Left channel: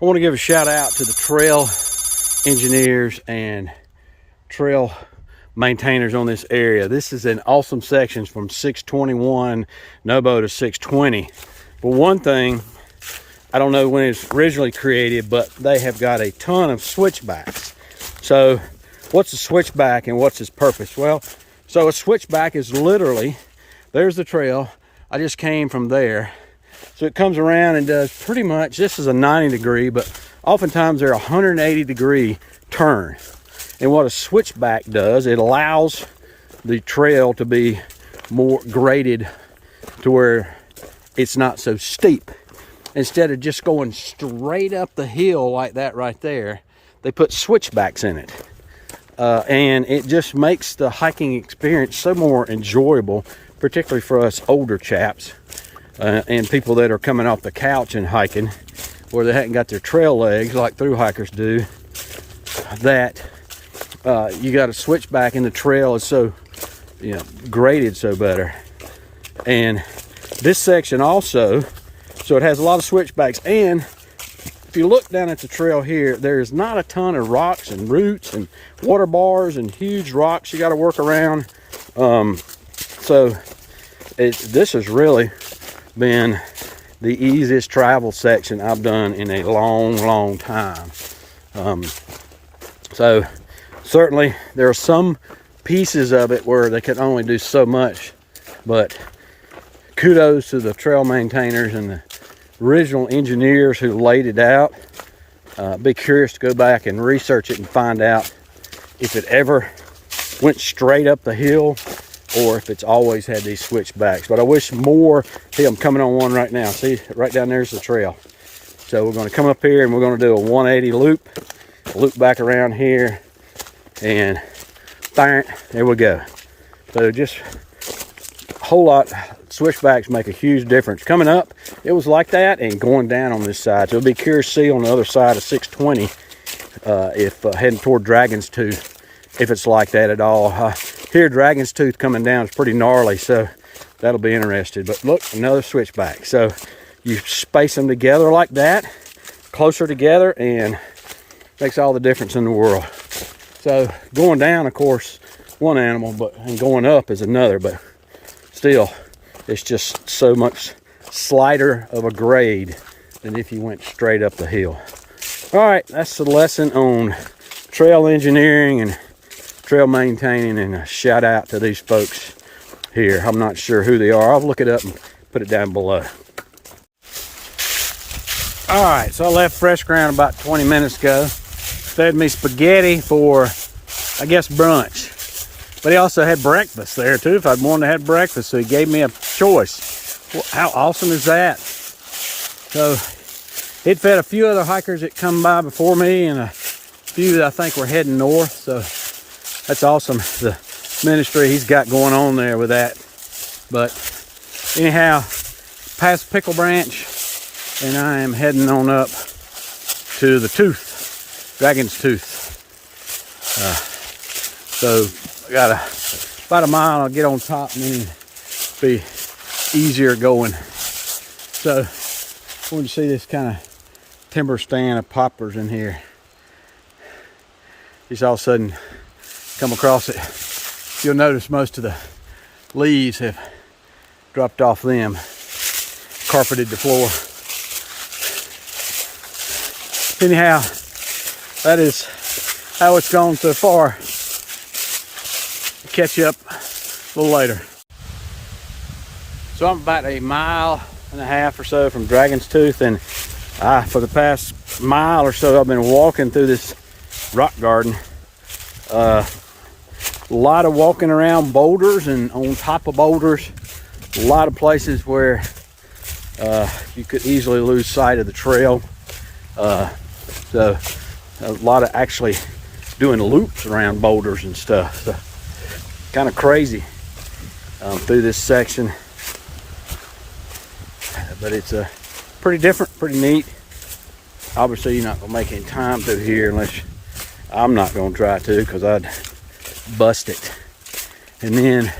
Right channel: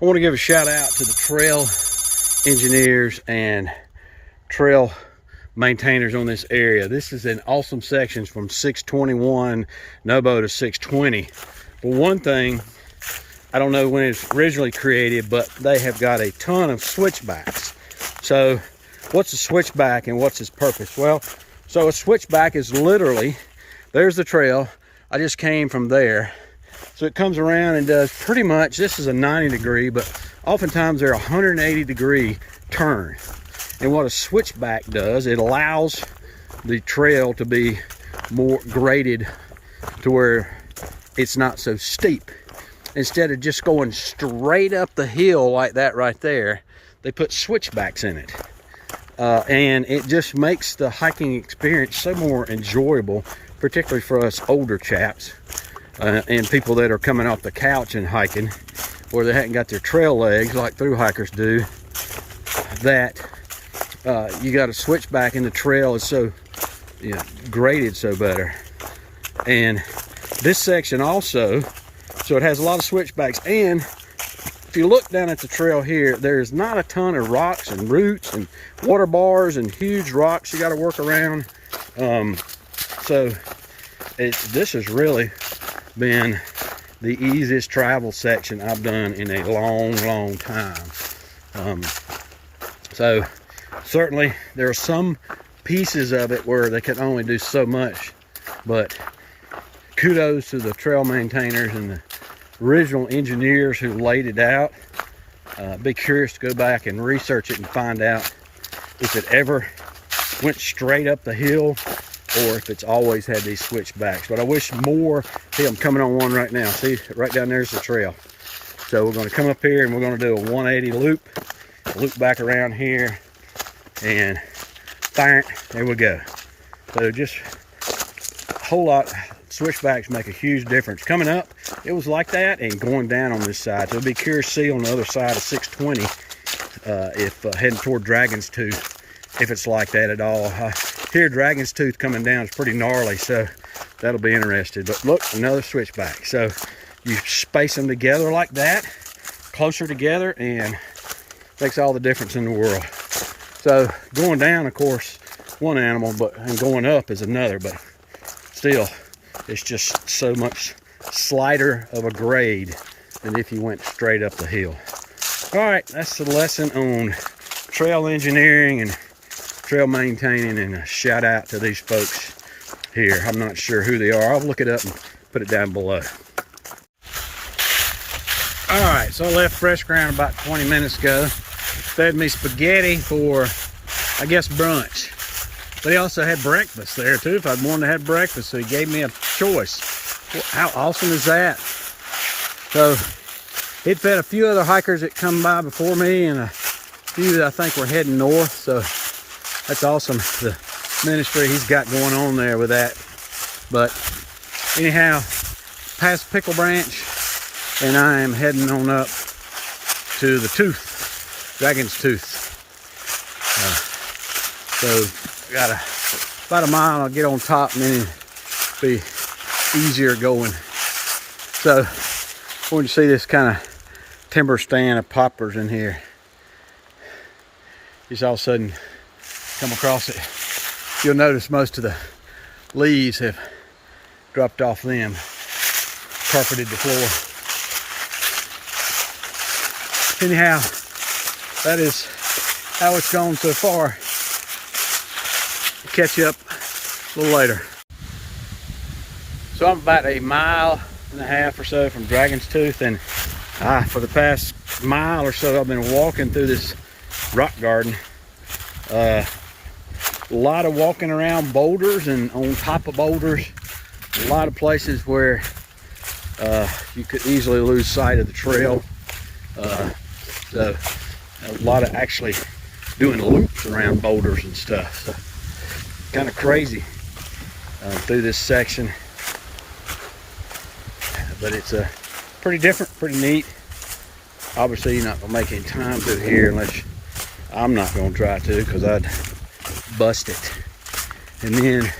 I want to give a shout out to the trail engineers and trail maintainers on this area. This is an awesome section from 621 NOBO to 620. But one thing, I don't know when it's originally created, but they have got a ton of switchbacks. So what's a switchback and what's its purpose? Well, so a switchback is literally, there's the trail. I just came from there. So it comes around and does pretty much, this is a 90 degree, but oftentimes they're a 180 degree turn. And what a switchback does, it allows the trail to be more graded to where it's not so steep. Instead of just going straight up the hill like that right there, they put switchbacks in it. And it just makes the hiking experience so more enjoyable, particularly for us older chaps. And people that are coming off the couch and hiking, where they hadn't got their trail legs like through hikers do, that you got to switch back, and the trail is so, you know, graded so better. And this section also, so it has a lot of switchbacks. And if you look down at the trail here, there's not a ton of rocks and roots and water bars and huge rocks you got to work around. So this has really been the easiest travel section I've done in a long time. So certainly there are some pieces of it where they can only do so much, but kudos to the trail maintainers and the original engineers who laid it out. Be curious to go back and research it and find out if it ever went straight up the hill or if it's always had these switchbacks. But I wish more. See, I'm coming on one right now. See, right down there's the trail. So we're going to come up here and we're going to do a 180 loop back around here, and bang, there we go. So just a whole lot. Switchbacks make a huge difference. Coming up, it was like that, and going down on this side. So it'll be curious to see on the other side of 620 if heading toward Dragon's Tooth, if it's like that at all. Here, Dragon's Tooth coming down is pretty gnarly, so that'll be interesting. But look, another switchback. So you space them together like that, closer together, and makes all the difference in the world. So going down, of course, one animal, and going up is another, but still, it's just so much slighter of a grade than if you went straight up the hill. All right, that's the lesson on trail engineering and trail maintaining, and a shout out to these folks here. I'm not sure who they are. I'll look it up and put it down below. All right, so I left Fresh Ground about 20 minutes ago. Fed me spaghetti for, I guess, brunch. But he also had breakfast there too, if I'd wanted to have breakfast. So he gave me a choice. Well, how awesome is that? So he'd fed a few other hikers that come by before me, and a few that I think were heading north. So that's awesome, the ministry he's got going on there with that. But anyhow, past Pickle Branch, and I am heading on up to the Tooth, Dragon's Tooth. So I got about a mile. I'll get on top, and then it'll be easier going. So when you see this kind of timber stand of poplars in here, just all of a sudden come across it, you'll notice most of the leaves have dropped off them, carpeted the floor. Anyhow, that is how it's gone so far. Catch you up a little later. So I'm about a mile and a half or so from Dragon's Tooth, and for the past mile or so I've been walking through this rock garden. A lot of walking around boulders and on top of boulders. A lot of places where you could easily lose sight of the trail. So a lot of actually doing loops around boulders and stuff. So kind of crazy through this section, but it's pretty different, pretty neat. Obviously you're not gonna make any time through here unless I'm not gonna try to, because I'd bust it. And then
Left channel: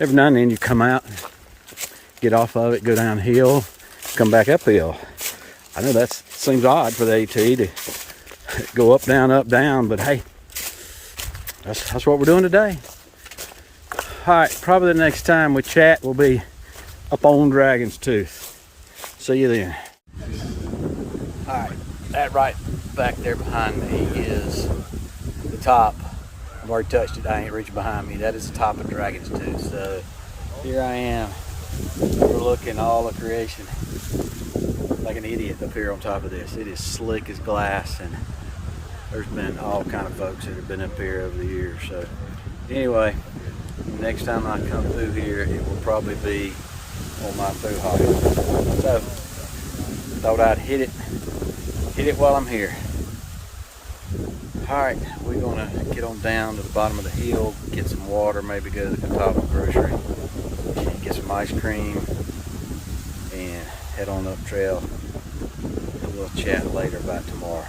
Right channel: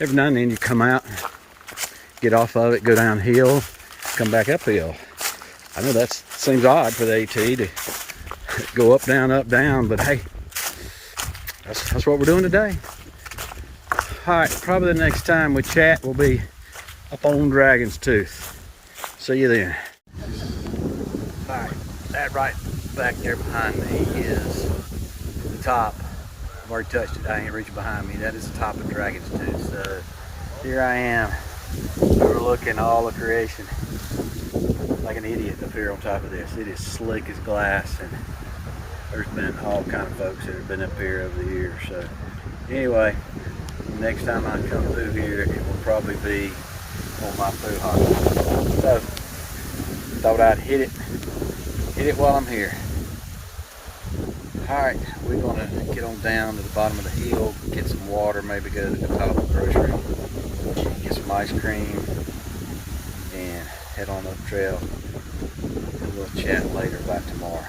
every now and then you come out, get off of it, go downhill, come back uphill. I know that's Seems odd for the AT to go up, down, but hey, that's what we're doing today. All right, probably the next time we chat will be up on Dragon's Tooth. See you then. All right, that right back there behind me is the top. I've already touched it. I ain't reaching behind me. That is the top of Dragon's Tooth. So here I am, overlooking all of creation, like an idiot up here on top of this. It is slick as glass, and there's been all kind of folks that have been up here over the years. So anyway, next time I come through here, it will probably be on my through hike. So thought I'd hit it while I'm here. All right, we're gonna get on down to the bottom of the hill, get some water, maybe go to the Catawba grocery, get some ice cream, and head on up trail. And we'll chat later about tomorrow.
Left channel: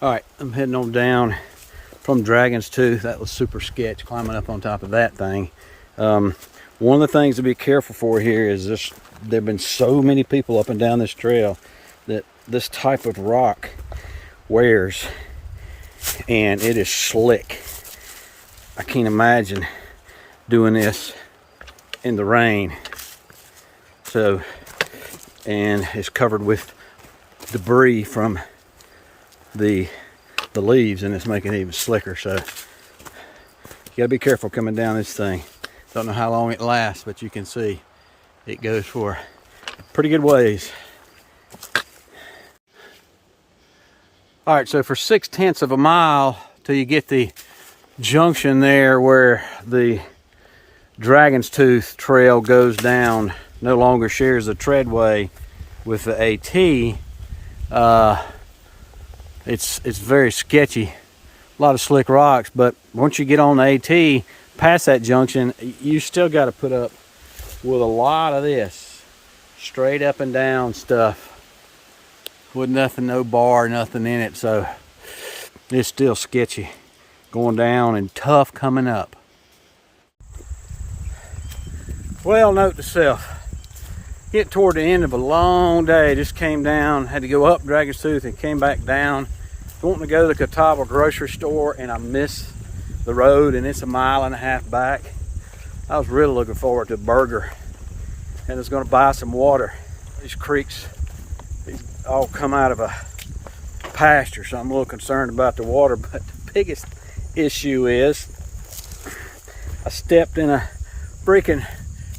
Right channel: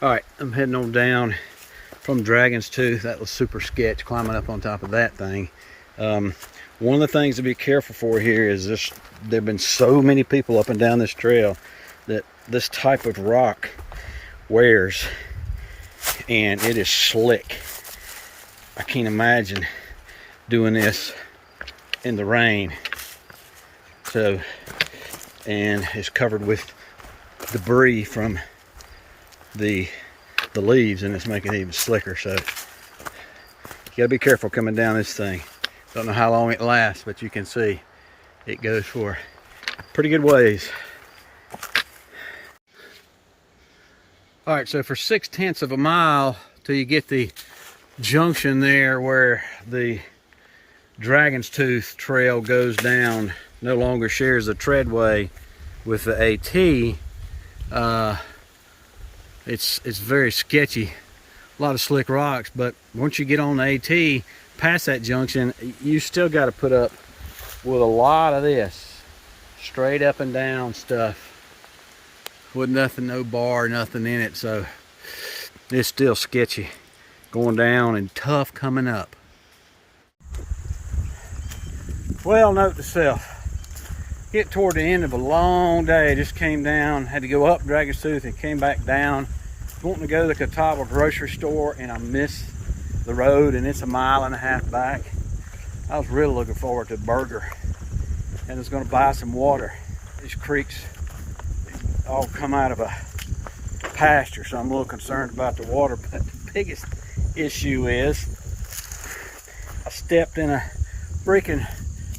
All right, I'm heading on down from Dragon's Tooth. That was super sketch, climbing up on top of that thing. One of the things to be careful for here is there have been so many people up and down this trail that this type of rock wears, and it is slick. I can't imagine doing this in the rain. So, and it's covered with debris from the leaves, and it's making it even slicker. So you gotta be careful coming down this thing. Don't know how long it lasts, but you can see it goes for pretty good ways. All right, so for 6/10 of a mile till you get the junction there where the Dragon's Tooth Trail goes down, no longer shares the treadway with the AT. It's very sketchy, a lot of slick rocks, but once you get on the AT past that junction, you still got to put up with a lot of this straight up and down stuff with nothing, no bar, nothing in it. So it's still sketchy going down and tough coming up. Well, note to self, get toward the end of a long day. Just came down, had to go up Dragon's Tooth and came back down, wanting to go to the Catawba grocery store, and I missed the road, and it's 1.5 miles back. I was really looking forward to a burger, and I was going to buy some water. These creeks all come out of a pasture, so I'm a little concerned about the water. But the biggest issue is I stepped in a freaking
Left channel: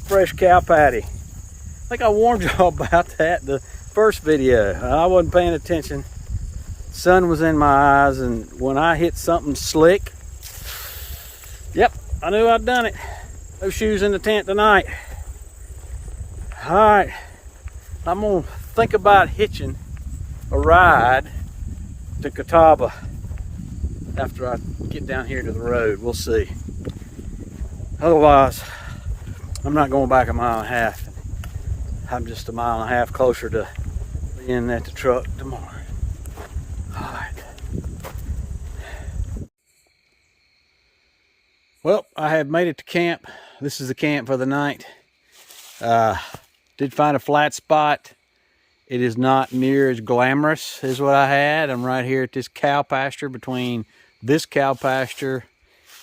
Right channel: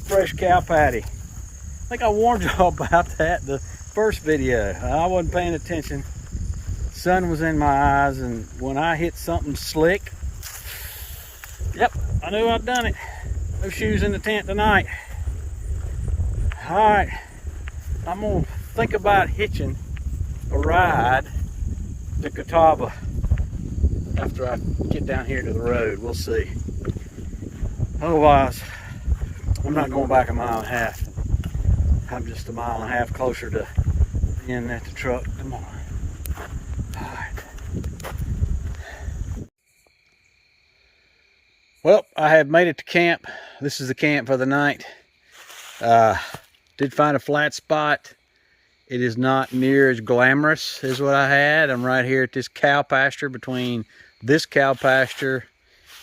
fresh cow patty. I think I warned y'all about that in the first video. I wasn't paying attention. Sun was in my eyes, and when I hit something slick, yep, I knew I'd done it. No shoes in the tent tonight. All right, I'm gonna think about hitching a ride to Catawba after I get down here to the road. We'll see. Otherwise, I'm not going back 1.5 miles. I'm just 1.5 miles closer to being at the truck tomorrow. All right. Well, I have made it to camp. This is the camp for the night. Did find a flat spot. It is not near as glamorous as what I had. I'm right here at this cow pasture, between this cow pasture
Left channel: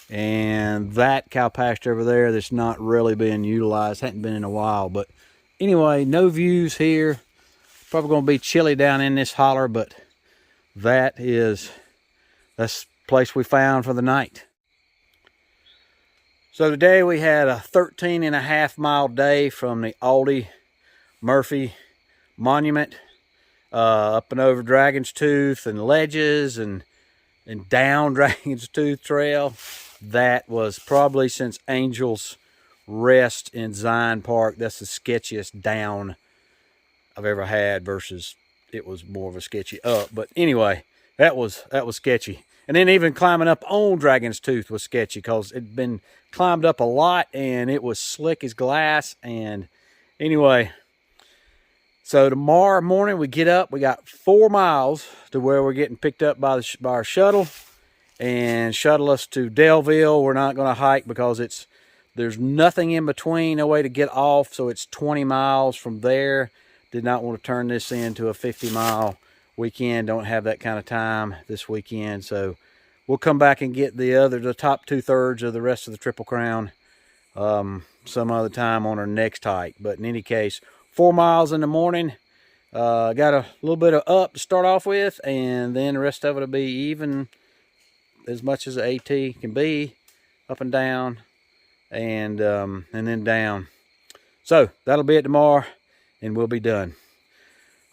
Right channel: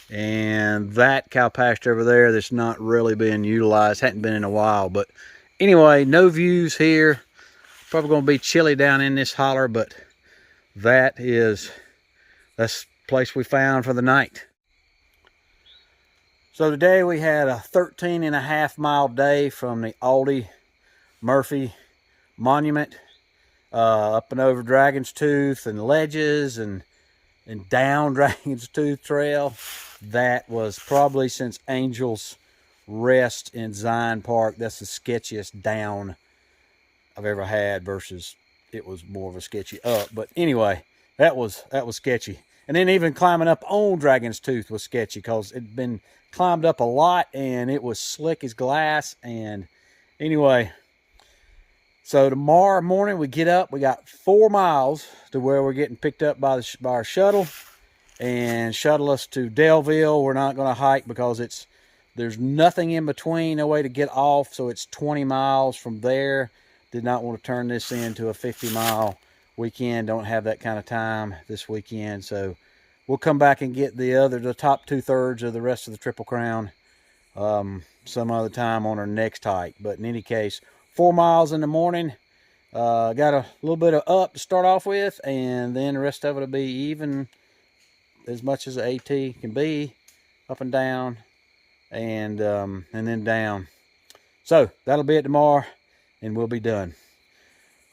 and that cow pasture over there that's not really being utilized. Hadn't been in a while. But anyway, no views here. Probably going to be chilly down in this holler, but that's the place we found for the night. So today we had a 13.5 mile day from the Aldi Murphy Monument up and over Dragon's Tooth and ledges and down Dragon's Tooth Trail. That was probably, since Angel's Rest in Zion Park, that's the sketchiest down I've ever had, versus it was more of a sketchy up. But anyway, that was sketchy. And then even climbing up on Dragon's Tooth was sketchy, because it'd been climbed up a lot and it was slick as glass. And anyway, so tomorrow morning we get up, we got 4 miles to where we're getting picked up by our shuttle and shuttle us to Delville. We're not going to hike because there's nothing in between, no way to get off. So it's 20 miles from there Did not want to turn this into a 50-mile weekend. Don't have that kind of time this weekend. So we'll come back and get the top 2/3 of the rest of the Triple Crown some other time on our next hike. But in any case, 4 miles in the morning. Got a little bit of up to start off with, and then the rest of it will be even as much as the AT can be, up and down, and then down. So that'll be it tomorrow, and we'll be done.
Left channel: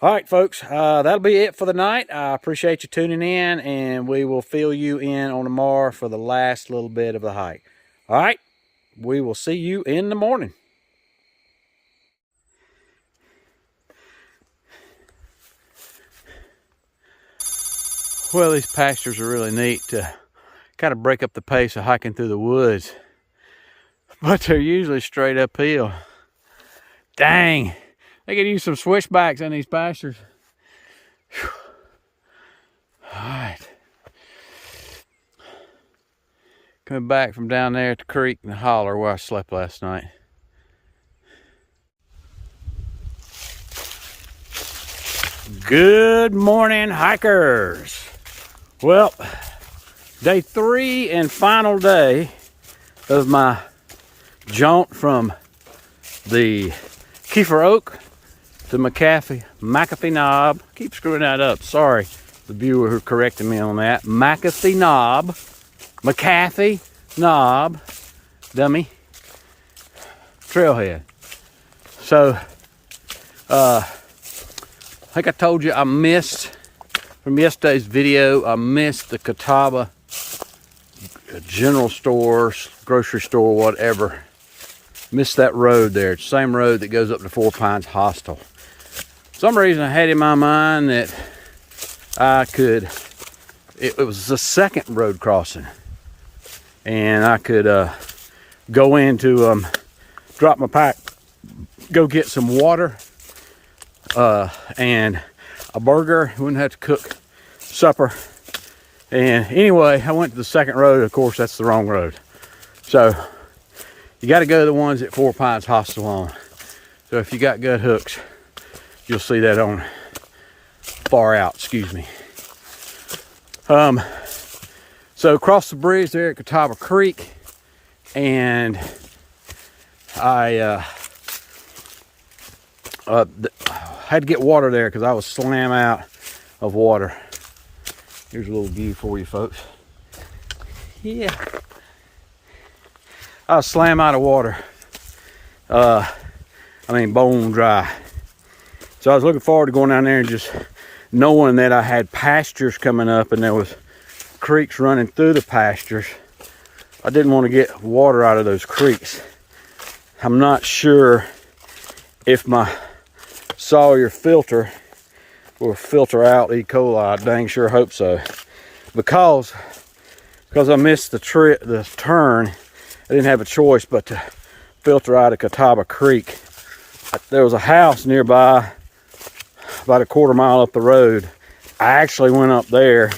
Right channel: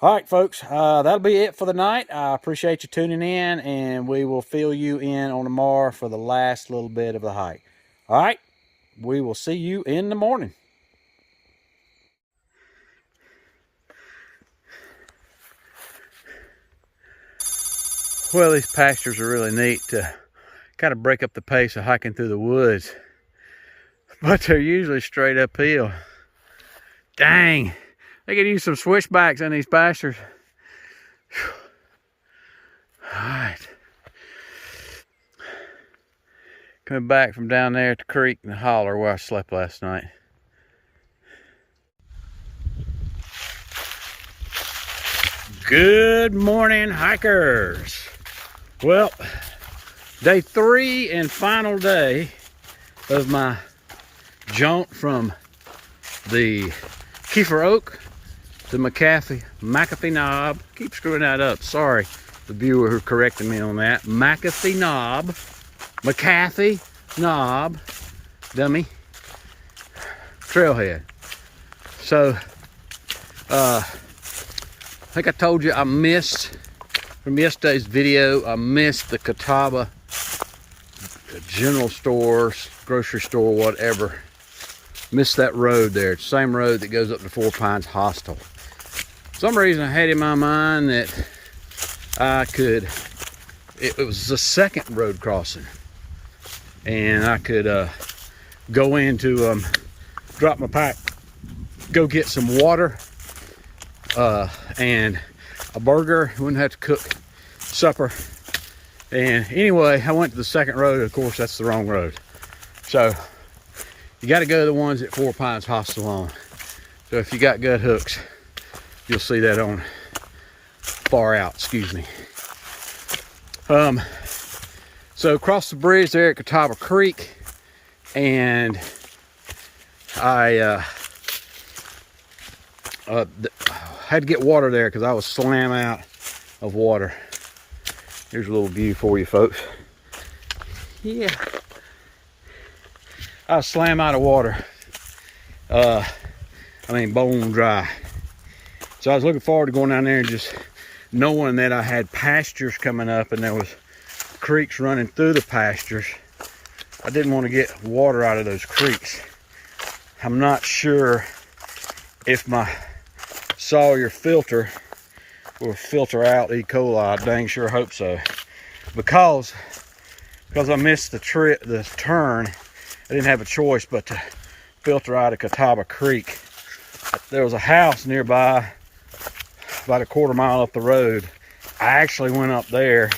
All right, folks, that'll be it for the night. I appreciate you tuning in, and we will fill you in on tomorrow for the last little bit of the hike. All right, we will see you in the morning. Well, these pastures are really neat to kind of break up the pace of hiking through the woods, but they're usually straight uphill. Dang, they could use some switchbacks in these pastures. Whew. All right, coming back from down there at the creek in the holler where I slept last night. Good morning, hikers. Well, day 3 and final day of my jaunt from the Keffer Oak to MacAfee knob. Keep screwing that up. Sorry, the viewer who corrected me on that. MacAfee knob, dummy, trailhead. So, I think I told you I missed, from yesterday's video, I missed the Catawba general store, grocery store, whatever. Missed that road there. It's the same road that goes up to Four Pines Hostel. For some reason I had in my mind that I could, it was the second road crossing, and I could go into drop my pack, go get some water, and a burger. Wouldn't have to cook supper. And anyway, I went to the second road. Of course, that's the wrong road. So you got to go to the ones at Four Pines Hostel on. So if you got gut hooks, you'll see that on far out, excuse me. So across the bridge there at Catawba Creek, and I had to get water there because I was slam out of water. Here's a little view for you folks. Yeah, I was slam out of water. I mean bone dry. So I was looking forward to going down there and just knowing that I had pastures coming up and there was creeks running through the pastures. I didn't want to get water out of those creeks. I'm not sure if my Sawyer filter will filter out E. coli. I dang sure hope so. Because I missed the turn, I didn't have a choice but to filter out of Catawba Creek. There was a house nearby, about a quarter mile up the road. I actually went up there,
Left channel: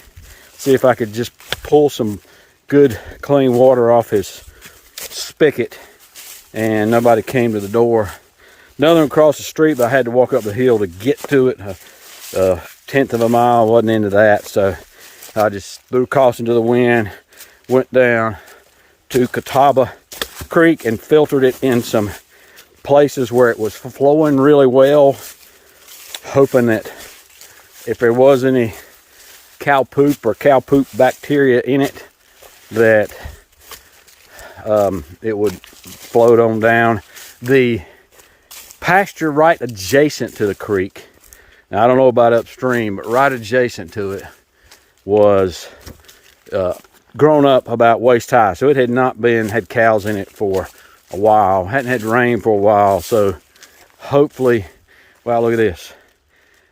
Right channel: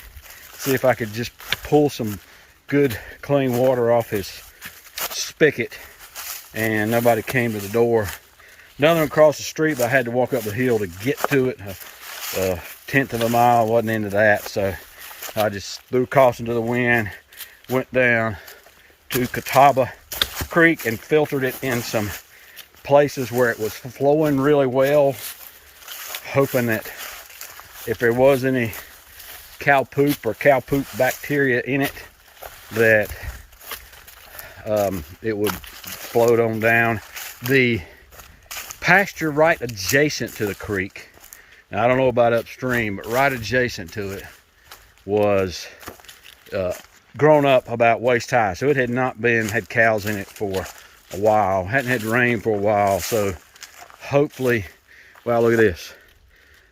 see if I could just pull some good clean water off his spigot, and nobody came to the door. Another one across the street, but I had to walk up the hill to get to it. A 1/10 of a mile, wasn't into that, so I just threw caution to the wind, went down to Catawba Creek and filtered it in some places where it was flowing really well, hoping that if there was any cow poop or cow poop bacteria in it, that it would float on down. The pasture right adjacent to the creek, now I don't know about upstream, but right adjacent to it was grown up about waist high. So it had not had cows in it for a while. Hadn't had rain for a while. So hopefully, wow, look at this.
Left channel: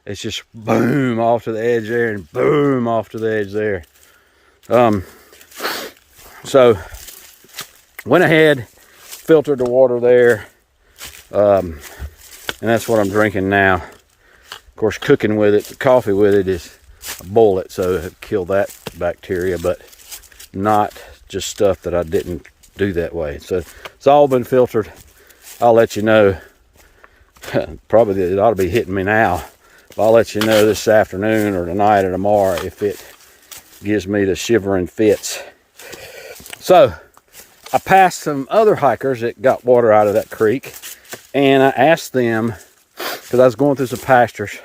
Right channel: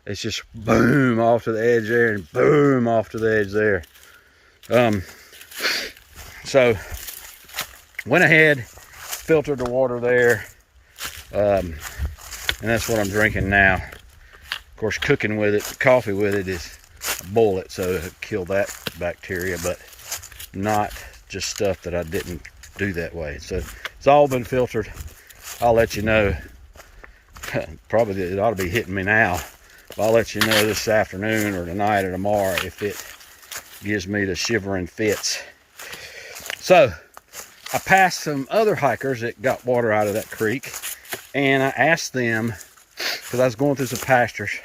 It's just boom off to the edge there and boom off to the edge there. So went ahead, filtered the water there. And that's what I'm drinking now. Of course, cooking with it, the coffee with it is a bullet, so it killed that bacteria, but not just stuff that I didn't do that way. So it's all been filtered. I'll let you know Probably it ought to be hitting me now. I'll let you know this afternoon or tonight or tomorrow if it gives me the shivering fits. So I passed some other hikers that got water out of that creek, and I asked them, because I was going through some pastures,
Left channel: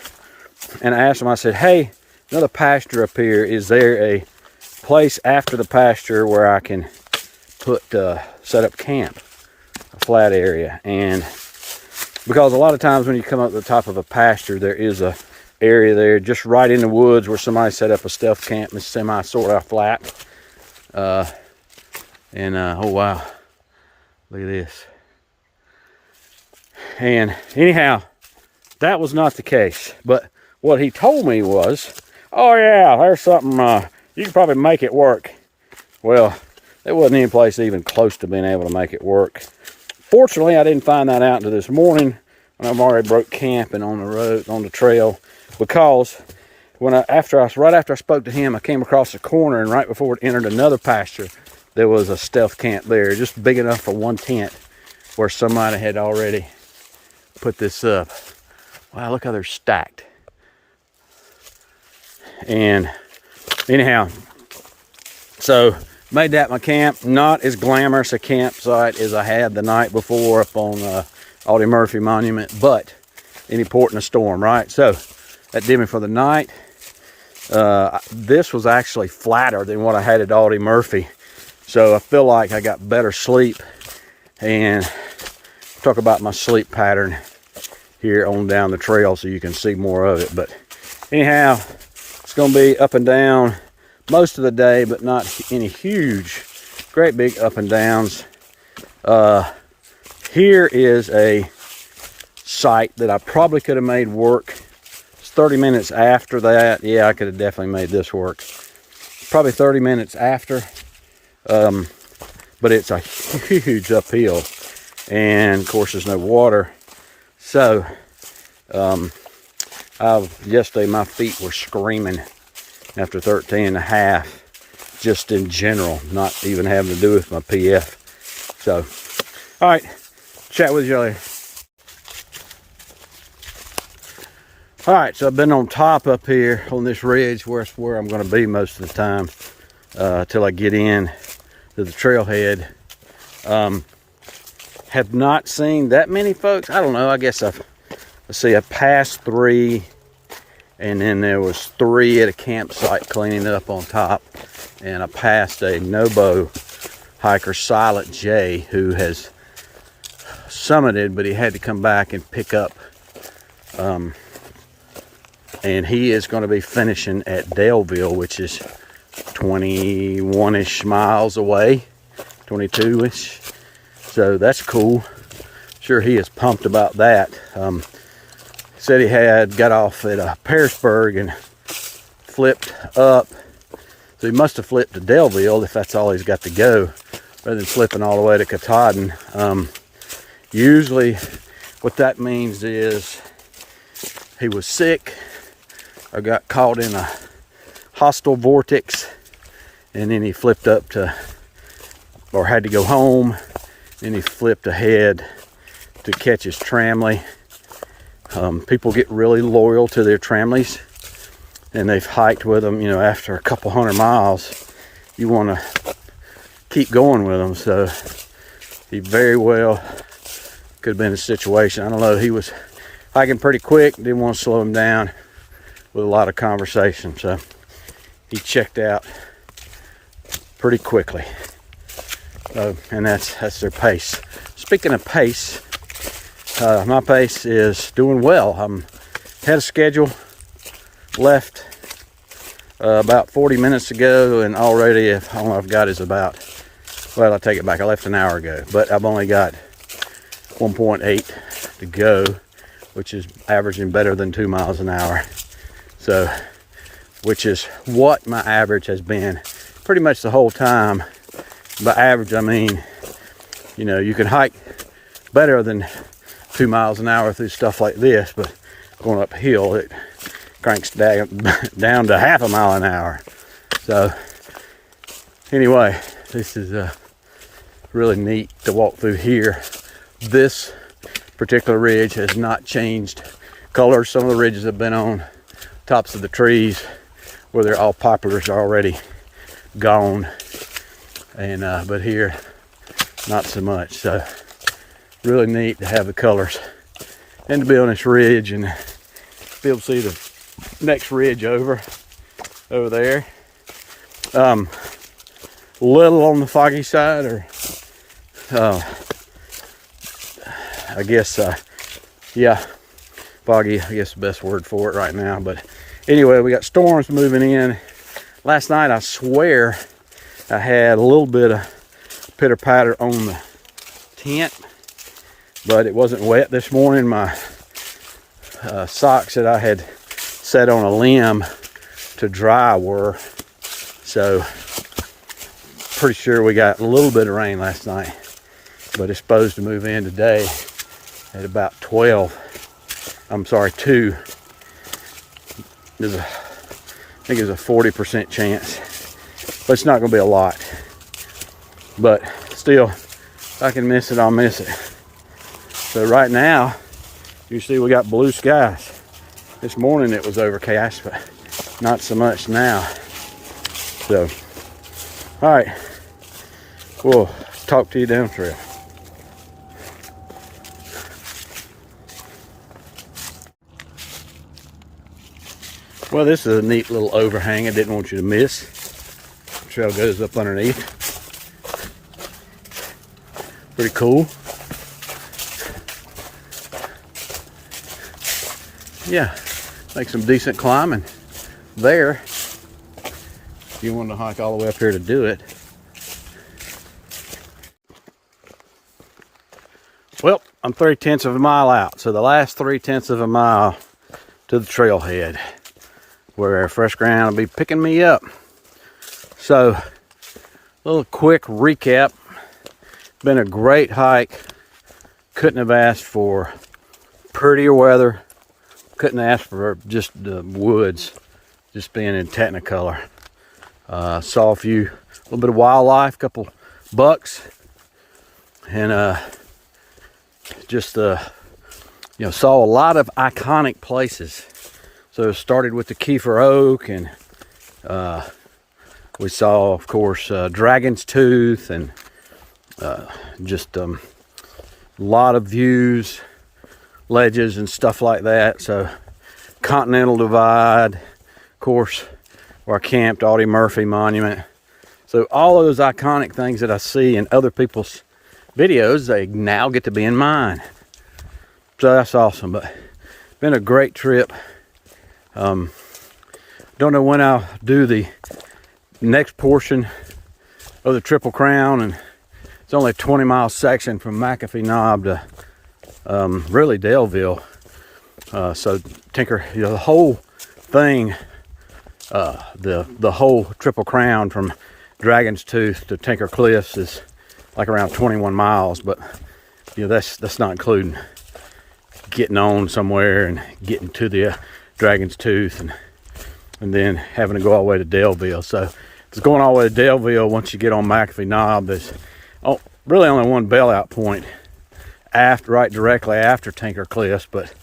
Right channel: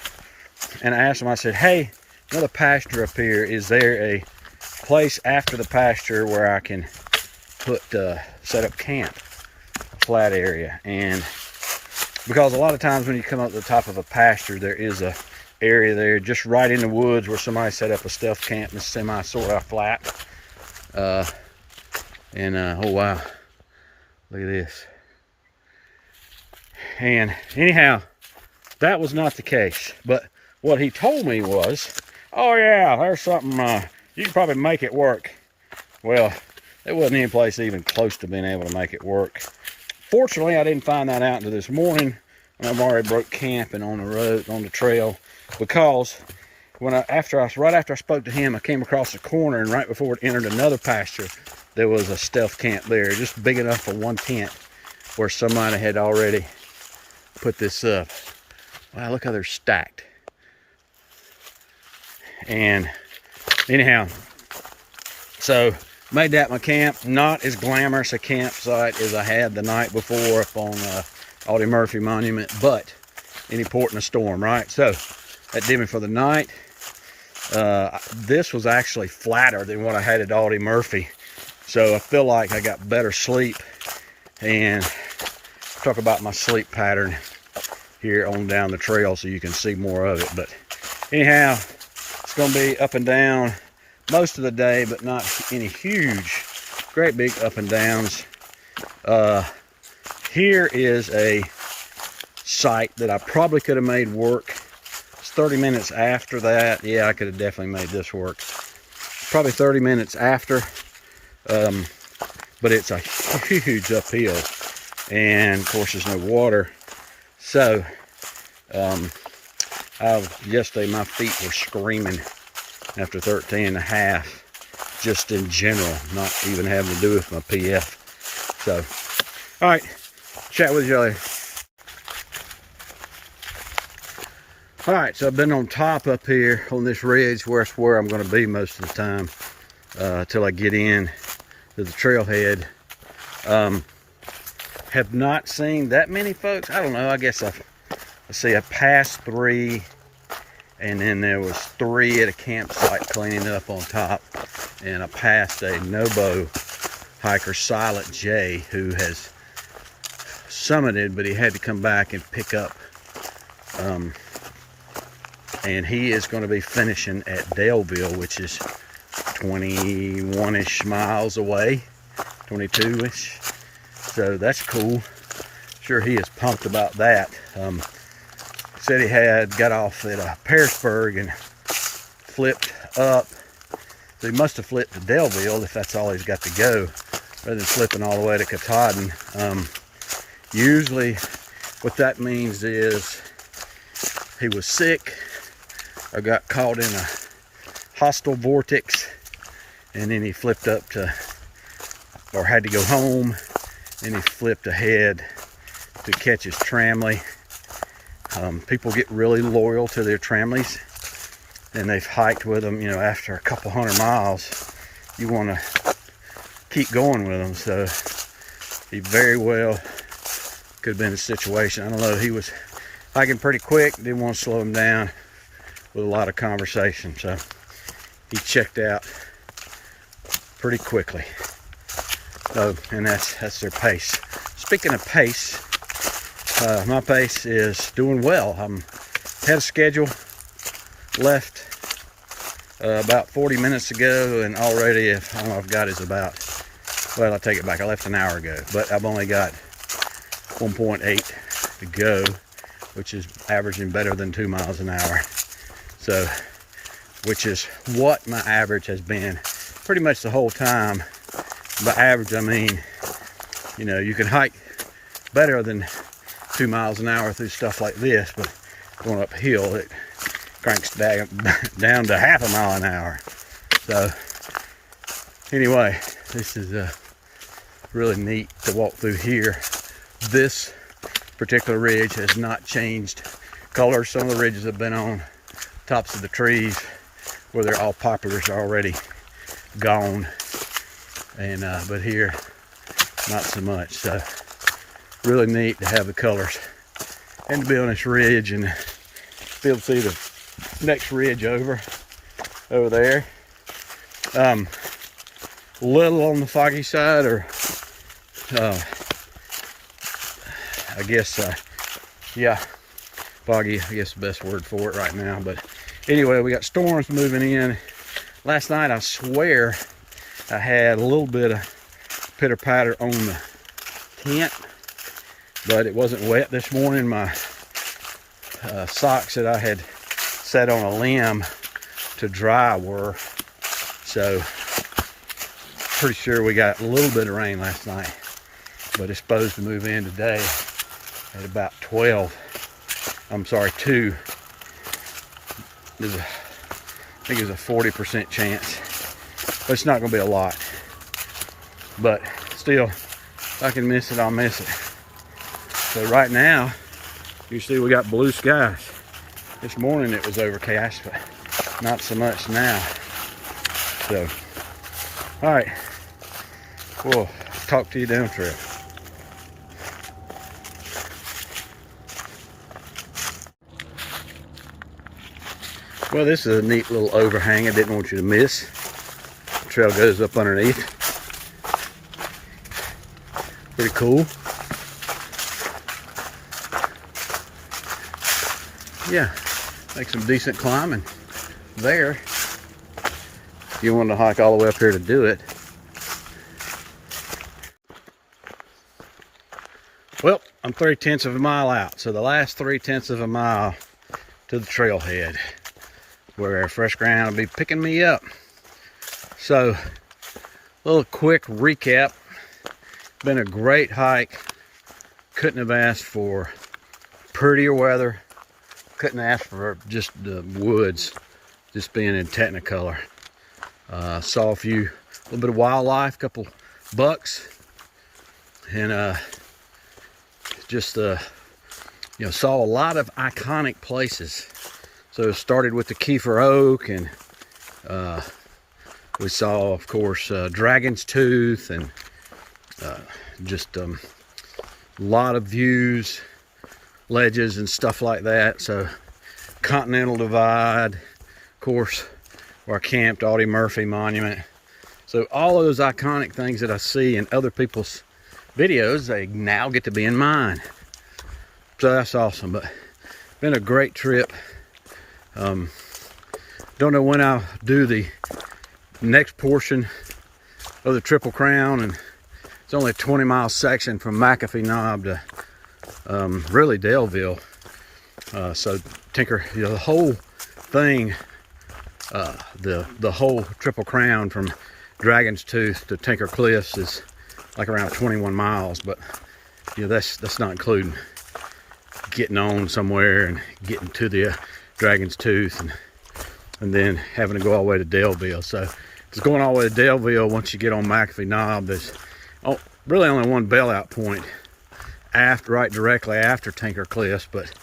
and I asked them, I said, hey, another pasture up here, is there a place after the pasture where I can put set up camp, a flat area? And because a lot of times when you come up to the top of a pasture, there is a area there just right in the woods where somebody set up a stealth camp. It's semi sort of flat. Oh wow, look at this. And anyhow, that was not the case. But what he told me was, oh yeah, there's something, you can probably make it work. Well, there wasn't any place even close to being able to make it work. Fortunately, I didn't find that out until this morning when I've already broke camping on the road, on the trail, because right after I spoke to him, I came across the corner, and right before it entered another pasture, there was a stealth camp there, just big enough for one tent, where somebody had already put this up. Wow, look how they're stacked. And anyhow, so made that my camp. Not as glamorous a campsite as I had the night before up on Audie Murphy Monument, but any port in a storm, right? So that did me for the night. This was actually flatter than what I had at Audie Murphy, so I feel like I got better sleep. And talk about my sleep pattern here on down the trail so you can see more of it. But anyhow, it's going to be up and down most of the day, but not any huge, great big up and downs. Here is a site that I probably could have made work. It's 30 minutes after that. Yeah, I could have definitely made this work. Probably 30 minutes after. But it's a huge uphill. And of course there's no water. So, yesterday my feet were screaming after 13 and a half, just in general, not even having to do with my PF. So, all right, chat with you later. All right, so I've been on top up here on this ridge, where it's where I'm going to be most of the time till I get in to the trailhead. Have not seen that many folks. I don't know. I guess let's see, I passed 3, and then there was 3 at a campsite cleaning up on top, and I passed a NOBO hiker, Silent J, who has summited, but he had to come back and pick up. And he is going to be finishing at Daleville, which is 21-ish miles away, 22-ish. So that's cool. Sure, he is pumped about that. Said he had got off at Pearisburg and flipped up. So he must have flipped to Daleville if that's all he's got to go, rather than flipping all the way to Katahdin. Usually what that means is he was sick or got caught in a hostile vortex, and then he flipped up to, or had to go home. Then he flipped ahead to catch his tramley. People get really loyal to their tramleys, and they've hiked with them, you know, after a couple 100 miles. You want to keep going with them. So he very well could have been a situation. I don't know. He was hiking pretty quick, didn't want to slow him down with a lot of conversation. So he checked out pretty quickly. And that's their pace. Speaking of pace, my pace is doing well. I'm ahead of schedule. Left about 40 minutes ago, and already all I've got is about, well, I take it back. I left an hour ago, but I've only got 1.8 to go, which is averaging better than 2 miles an hour. So, which is what my average has been pretty much the whole time. By average, I mean, you know, you can hike better than 2 miles an hour through stuff like this, but going uphill, it cranks down to half a mile an hour. So, anyway, this is really neat to walk through here. This particular ridge has not changed colors. Some of the ridges have been on tops of the trees where they're all poplars already gone, and but here not so much. So really neat to have the colors and to be on this ridge and be able to see the next ridge over there. Little on the foggy side, or I guess yeah, foggy, I guess the best word for it right now. But anyway, we got storms moving in. Last night, I swear I had a little bit of pitter patter on the tent, but it wasn't wet this morning. My socks that I had set on a limb to dry were, so pretty sure we got a little bit of rain last night, but it's supposed to move in today at about 2. I think there's a 40% chance, but it's not going to be a lot. But still, if I can miss it, I'll miss it. So right now, you see we got blue skies. This morning it was overcast, but not so much now. So, all right, we'll talk to you down trail. Well, this is a neat little overhang I didn't want you to miss. The trail goes up underneath. Pretty cool. Yeah, make some decent climbing there if you want to hike all the way up here to do it. Well, I'm 3/10 of a mile out, so the last 3/10 of a mile to the trailhead, where fresh ground will be picking me up. So, a little quick recap. Been a great hike. Couldn't have asked for prettier weather. Couldn't ask for just the woods just being in technicolor. Saw a little bit of wildlife, couple bucks, and just saw a lot of iconic places. So it started with the Keffer oak, and we saw, of course, Dragon's Tooth, and just a lot of views, ledges and stuff like that. So Continental Divide, of course, where I camped, Audie Murphy Monument. So all of those iconic things that I see in other people's videos, they now get to be in mine. So that's awesome. But been a great trip. Don't know when I'll do the next portion of the Triple Crown, and it's only a 20-mile section from MacAfee Knob to really Daleville. So Tinker, the whole thing, the whole Triple Crown from Dragon's Tooth to Tinker Cliffs is like around 21 miles, but that's not including getting on somewhere and getting to the Dragon's Tooth, and then having to go all the way to Daleville. So it's going all the way to Daleville. Once you get on MacAfee Knob, there's really only one bailout point right directly after Tinker Cliffs, but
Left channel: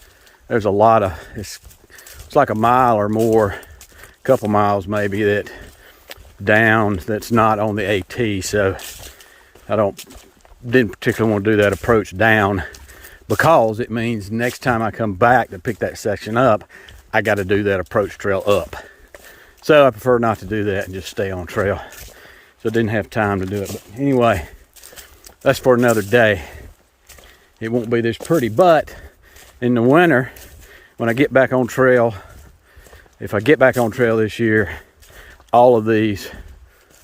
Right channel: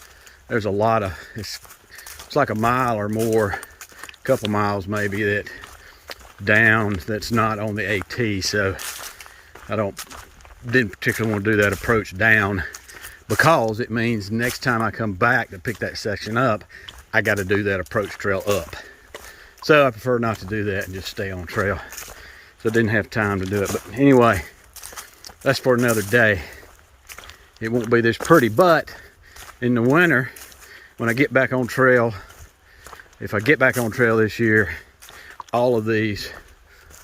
there's a lot of, it's like a mile or more, a couple miles maybe, that down that's not on the AT. So I didn't particularly want to do that approach down, because it means next time I come back to pick that section up, I got to do that approach trail up. So I prefer not to do that and just stay on trail. So I didn't have time to do it. But anyway, that's for another day. It won't be this pretty, but in the winter, when I get back on trail, if I get back on trail this year, all of these,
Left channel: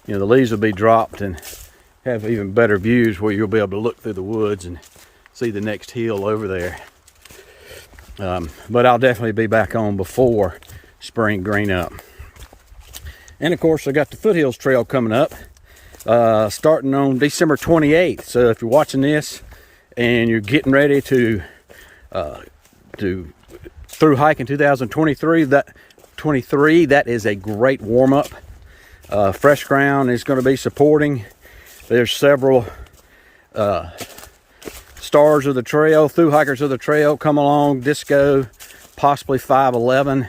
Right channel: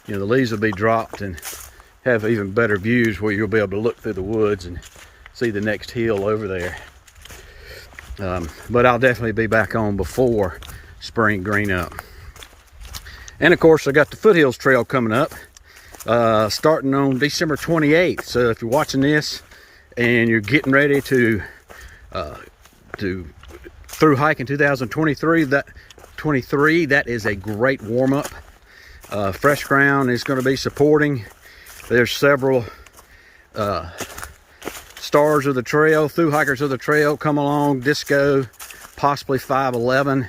the leaves will be dropped and have even better views where you'll be able to look through the woods and see the next hill over there. But I'll definitely be back on before spring green up. And of course, I got the Foothills Trail coming up, starting on December 28th. So if you're watching this and you're getting ready to through hiking 2023, that is a great warm-up. Fresh ground is going to be supporting. There's several stars of the trail, through hikers of the trail, come along. Disco, possibly 511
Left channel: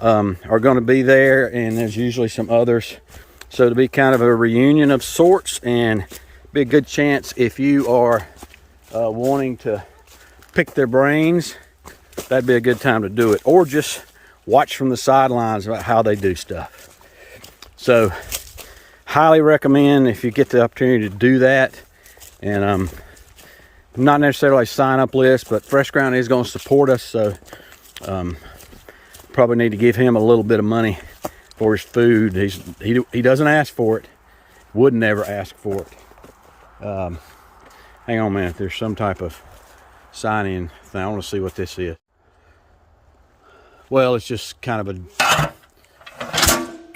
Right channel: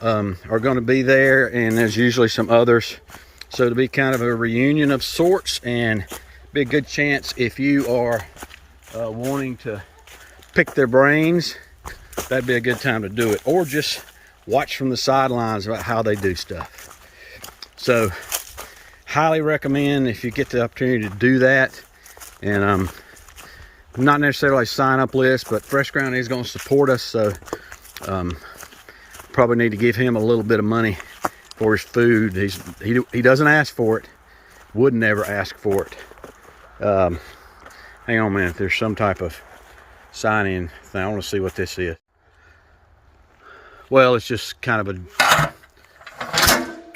are going to be there, and there's usually some others. So it'll be kind of a reunion of sorts, and be a good chance if you are wanting to pick their brains. That'd be a good time to do it, or just watch from the sidelines about how they do stuff. So highly recommend if you get the opportunity to do that. And not necessarily a sign up list, but Fresh Ground is going to support us, so probably need to give him a little bit of money for his food. He doesn't ask for it, would never ask for it. Hang on a minute, there's some type of sign in thing. I want to see what this is. Well, it's just kind of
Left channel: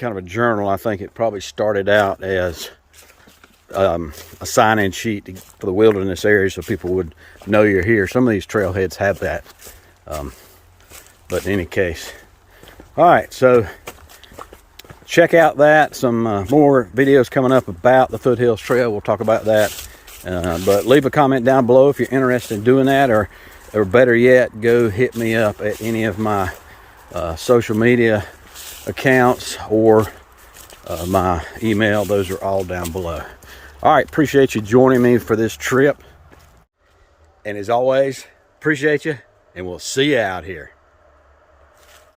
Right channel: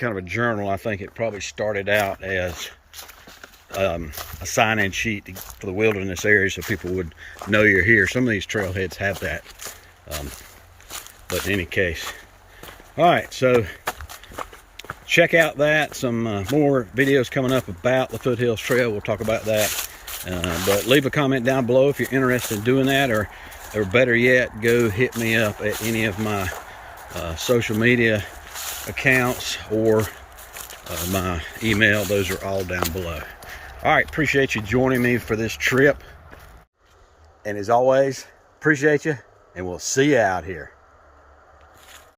a journal. I think it probably started out as a sign-in sheet for the wilderness area, so people would know you're here. Some of these trailheads have that, but in any case. All right, so check out that. Some more videos coming up about the Foothills Trail. We'll talk about that, but leave a comment down below if you're interested in doing that, or better yet, go hit me up at any of my social media accounts or my email. Those are all down below. All right, appreciate you joining me for this trip, and as always, appreciate you, and we'll see you out here.